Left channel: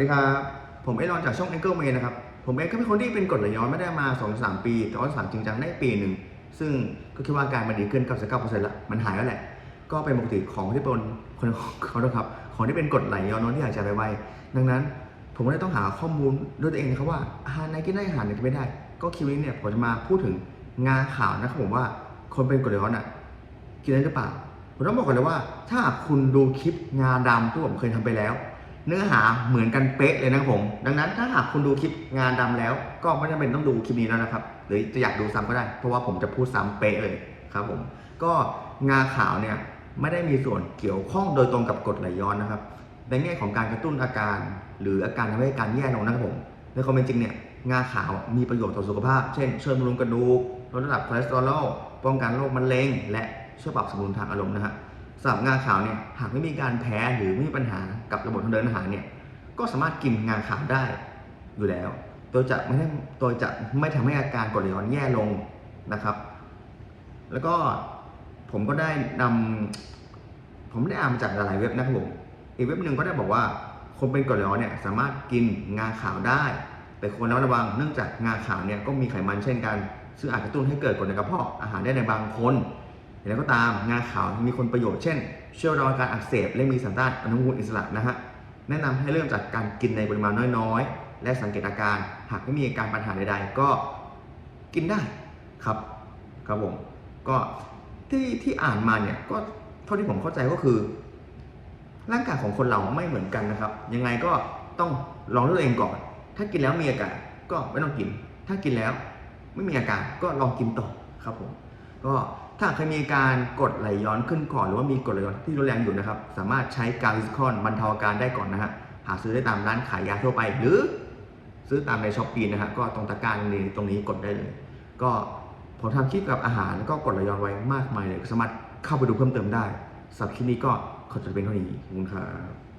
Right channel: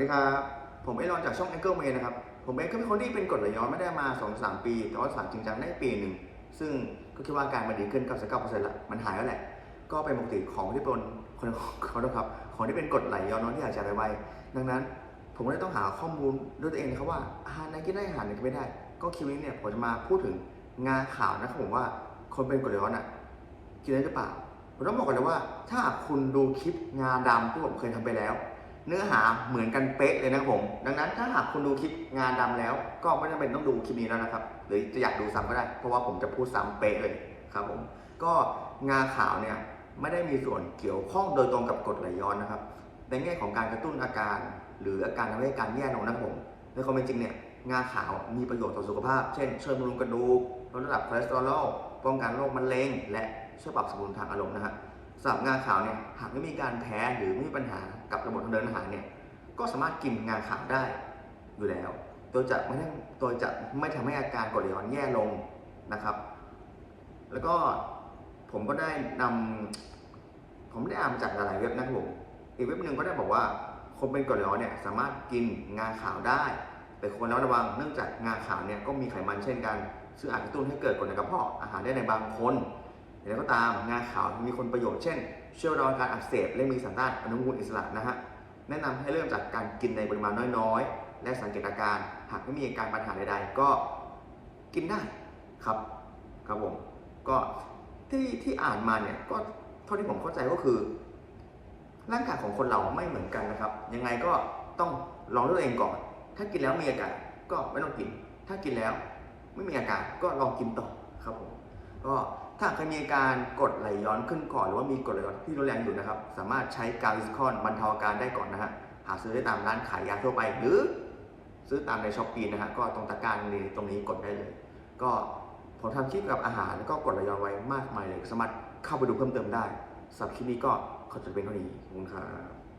วัสดีครับ ผมเอรอนจากช่อง a n g l e m a n นะครับ ผมเองก็เป็นคนที่เป็นกรดไหลย้อนไม่ได้มา 2-3 ปี แต่ว่าสามจริงจังได้ปีหนึ่ง ซึ่งก็คิดว่าการมันดีขึ้นกับสก9ละมันหายแล้วแหละ ก็เป็นปกติของที่เป็นคนขอโทษครับ ของที่เป็นกรดไหลย้อนน้อยที่หายใจไปไวดังนั้นผมก็เลยต้องหาข้อมูลด้วยตัวเองนะครับว่าอาหารไหนกินได้อาหารไหนกินไม่ได้ ก็คลิปนี้เนี่ยผมจะมาพูดถึงงาข่าวนะครับผมว่าคนเป็นกรดไหลย้อนอะกินได้หรือเปล่า ผมต้องบอกก่อนเลยว่า ถ้าคุณดูคลิปงาดำที่ผมเคยทำไปแล้ว เนื้อหาเหมือนกันเป๊ะเลยนะครับผม ดังนั้นถ้าหากคุณดูคลิปงานดำแล้ว ก็ไม่จำเป็นต้องดูคลิปนี้แล้วนะครับ หรือจะอยากดูซ้ำก็ได้ เพราะว่าผมจะพูดซ้ำเป๊ะเลยครับผม ก็งาขาวเนี่ยไม่ได้มีส่วนเกี่ยวข้องโดยตรงกับกรดไหลย้อนนะครับ ในแง่ของการกระตุ้นอาการ หรืออาการทำให้การแย่ลงนะครับผม ในความเป็นจริงเนี่ยงาขาวมีประโยชน์ต่อสุขภาพ เช่นช่วยบำรุงกระดูกลดระดับคอเลสเตอรอลป้องกันโรคมะเร็งและช่วยปรับสมดุลทางอารมณ์นะฮะ สำหรับงาขาวเนี่ยหากไม่มีการแพ้หรือไม่มีปัญหากับระบบทางเดินอาหารเนี่ยก็สามารถกินงาขาวได้อยู่แล้ว โดยจะไม่ได้โดยจะไม่ทำให้อาการกรดไหลย้อนแย่ลงนะครับ แล้วก็ผมก็ได้นำผมได้อ่านมาจากหลายเว็บนะครับผมอีกเว็บหนึ่งก็ได้บอกว่าคนเป็นกรดไหลย้อนเนี่ยสามารถกินงาขาวได้ แต่ควรระมัดระวังเนื่องจากงาขาวเนี่ยก็มีไขมันเช่นกัน ซึ่งอาจกระตุ้นให้เกิดกรดในกระเพาะอาหารได้ในบางคน อย่างไรก็ตามงาขาวมีคนประโยชน์เช่นช่วยรอการอักเสบและมีสารต้านอนุมูลอิสระนะฮะแนะนำให้เริ่มจากการกินในปริมาณน้อยๆ และสังเกตอาการหากไม่มีอาการปัญหาใดๆ ก็กินได้ครับครับผมก็ที่ที่อ่านมาเนี่ยก็เท่าที่ผมเข้าใจก็คือ ร่างกายของคนเราไม่เหมือนกันนะครับ ยังไงก็ต้องลองด้วยตัวเองก่อน ถ้ากินแล้วมีอาการก็ไม่ต้องกิน ถ้ากินแล้วไม่มีอาการก็ลองกินต่อครับผมก็ ถ้าเคยมีอาการกดไหลย้อนขึ้นก่อนหรือว่ามีกดไหลย้อนที่รุนแรงอยู่นะครับ สามารถใช้กาวิสคอนบรรเทาอาการได้ก่อนนะฮะหาซื้อได้ตามร้านขายยาทั่วไป หรือซื้อตามในช้อปปี้นะฮะก็ตรงตะกร้ารนี้ตรงนี้กดได้เลย ก็ผมทำคลิปกับอาหารแล้วก็กดไหลย้อนไว้มากมายเลย สามารถเข้าไปดูเพิ่มเติมได้สำหรับคลิปนี้ก็ขอจบเป็นเท่านี้ขอบคุณครับ